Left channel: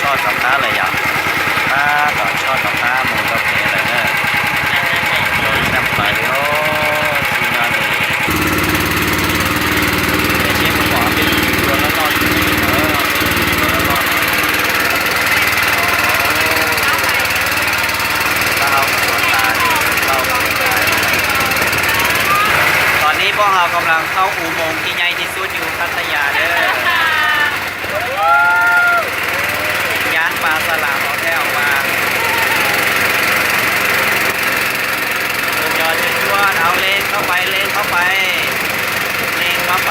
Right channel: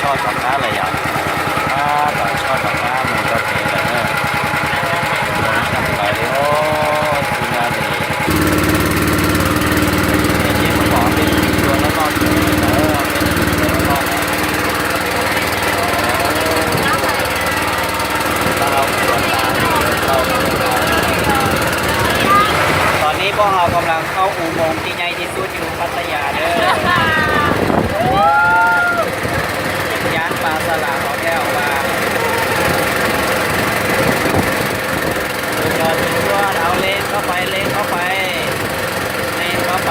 ช่อดกับค้าเลยอย่างถ้าต่อช่อดกับค้าหมูกระเพอะไรเนอะโดนจับไปเลยโอ้ทีนอนนี่ไอ้เชี่ยมันบอกเป็นตัวแล้วรอดอยู่เอาเป็นตัวแล้วรอดถ้าเราตัวตาอยู่เข้าไม่ได้ตอนนี้พวกเรากำลังเข้าอุโมงค์ที่ใหญ่ที่สุดอยู่พัทยาเด้อย่านปลาสลามเอาแก้วมาสุดยอดจุดยอดเอาเลนเข้าไปเลนเข้าไปเลนเข้าไป